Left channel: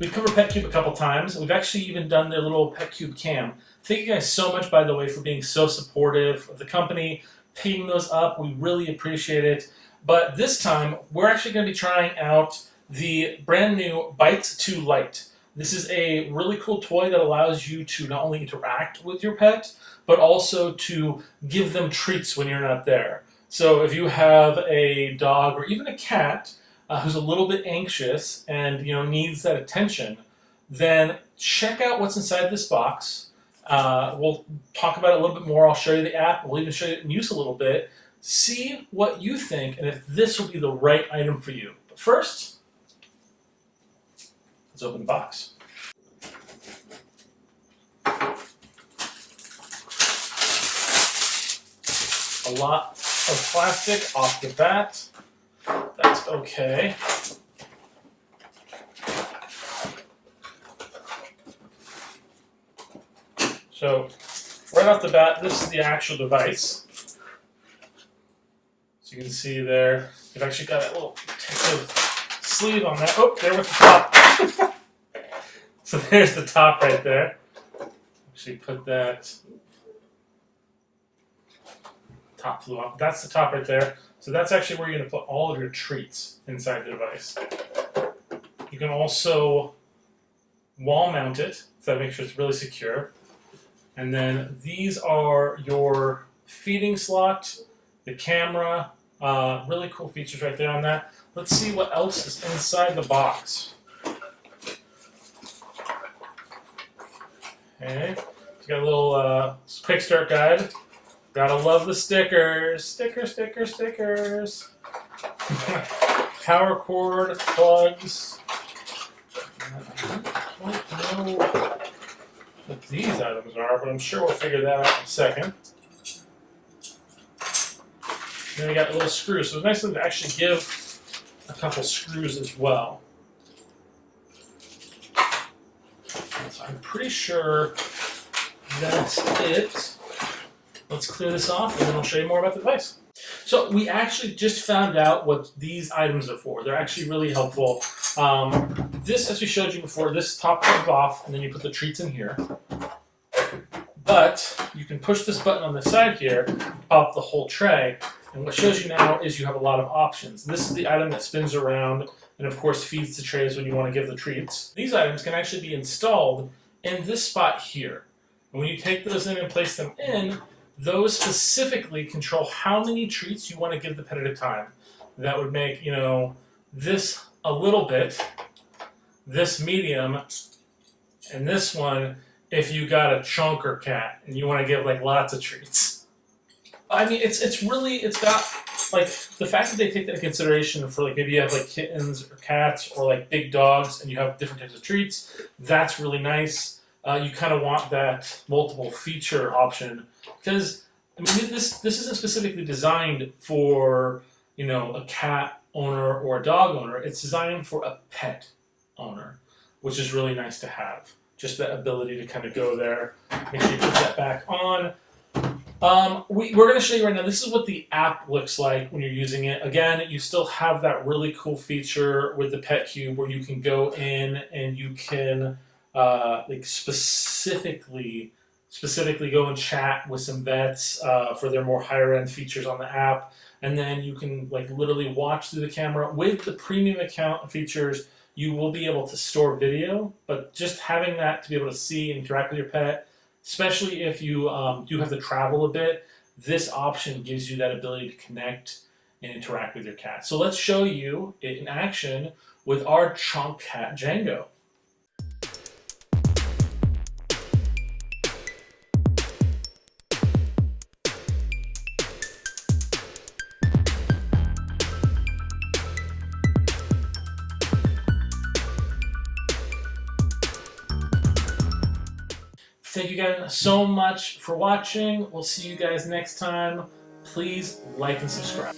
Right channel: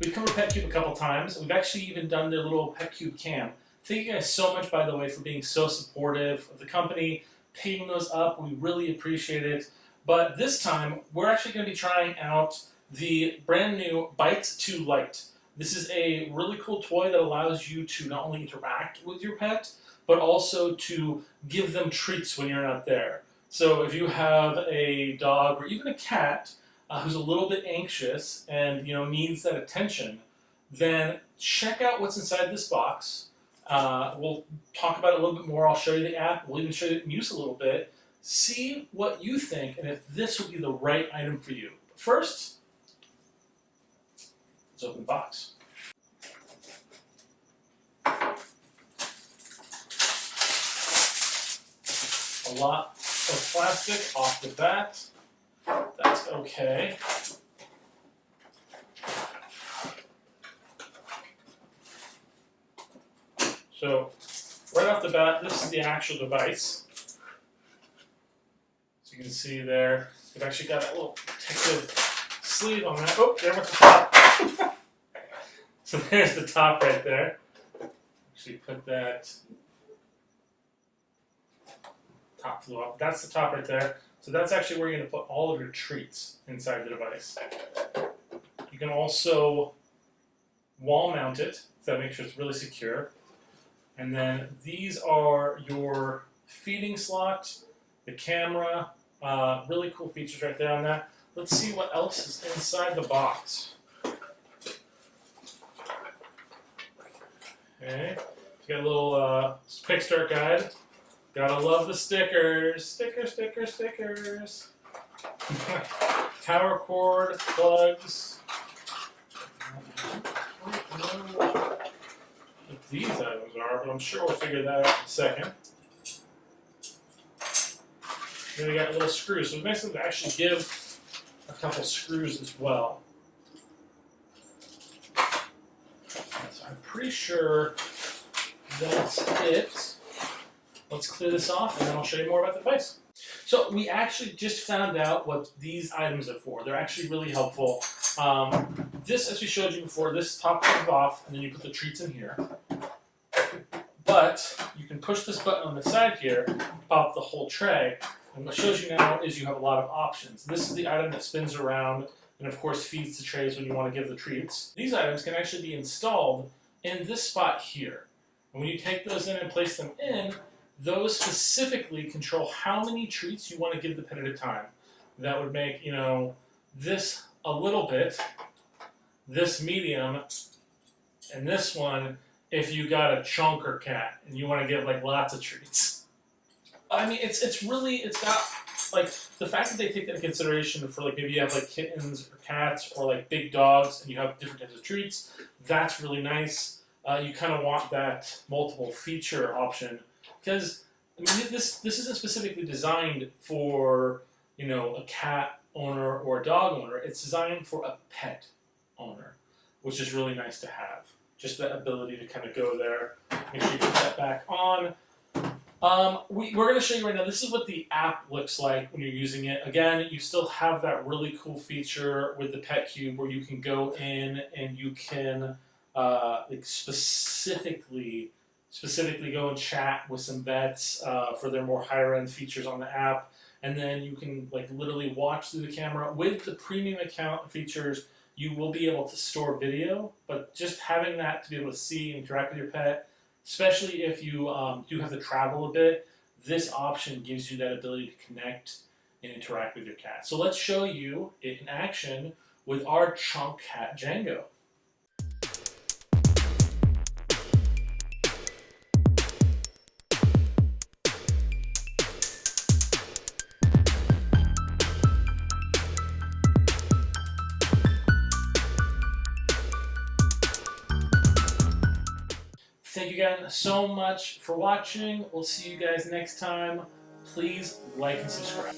We've covered Petcube a couple times. We've actually even done their little Petcube cam. Thank you guys so much, by the way, for being so supportive of the company, picking those up. We really appreciate it. But this time, we're actually going to be trying out the brand new Bites Lite. This is a really cool toy that allows you to not only interact with your pet, but also to give them treats when you're not there. So if you have a dog or even a cat who's a little bit anxious and needs that attention, then check out what's inside this box. We'll talk about it a little bit more. I'll show you the app. We'll even show you it in use a little bit. See what you think and if this will be the right item for you. But first, let's open the box. A lot of plastic off the bat. That's okay. So, right off the bat, this is the actual device. So you can see there, they've actually got a little protective sleeve on that. Oh, there with the top. So there's the top right there. Actually put that top flew off. That's the top right there. So that's actually where you're going to put all of your treats inside the device. You can also wall mount it, so that makes sure it's really secure. And then these are your feeding slot, the camera, really cool features right there on that. Let's see what else is inside the box. Okay, it's got a little quick start guide. Gotta love the stickers. Stickers. Power cord, plugs. I don't know what these items are, but I'm sure we'll figure that out in a second. Then we got a little screw, so it's nice of them to actually give a couple screws as well. So I'm pretty sure that's it. Let's clear this off and then I'll show you more about the device. So we actually just found out what these items are for. They're actually really helpful. This, as we showed you before, this top comes off and then you put the treats in here. But you can push this button on the side here, pop the whole tray, and what shows you now is you have a lot of options. This is the item that spins around and of course feeds the trays when you want to give the treats. These items can actually be installed in this spot here. And when you take those in and place them in, those specifically control how many treats you want to give the pet at a time. That would make, this a little bit, this medium, and this one if you got a chunker cat and you want to give like lots of treats. I mean, it's got like the fact that they take that into consideration for like maybe you have like kittens or cats or like big dogs and you have different types of treats. That's really nice. You kind of want that multiple feature option. Because I mean, this isn't specifically designed for a cat owner or a dog owner. It's designed for a pet owner, which is really nice to have. Just that ability to kind of go there. Make sure you put that back on. We're going to show you right now. This is what the app looks like when you're using it. Again, you still have that really cool feature with the Petcube where you can go in and you can like specifically go and chat with some vets for their more higher end features on the app, and then you can like literally watch through the camera. With the premium account features, you will be able to store video, but just having that to be able to see and interact with your pet, especially if you do have to travel a bit, this option gives you that ability to connect and interact with your cat. So let's show you it in action with our chunk cat Django. Thank you guys so much for watching. We'll see you guys next time. Please like and subscribe.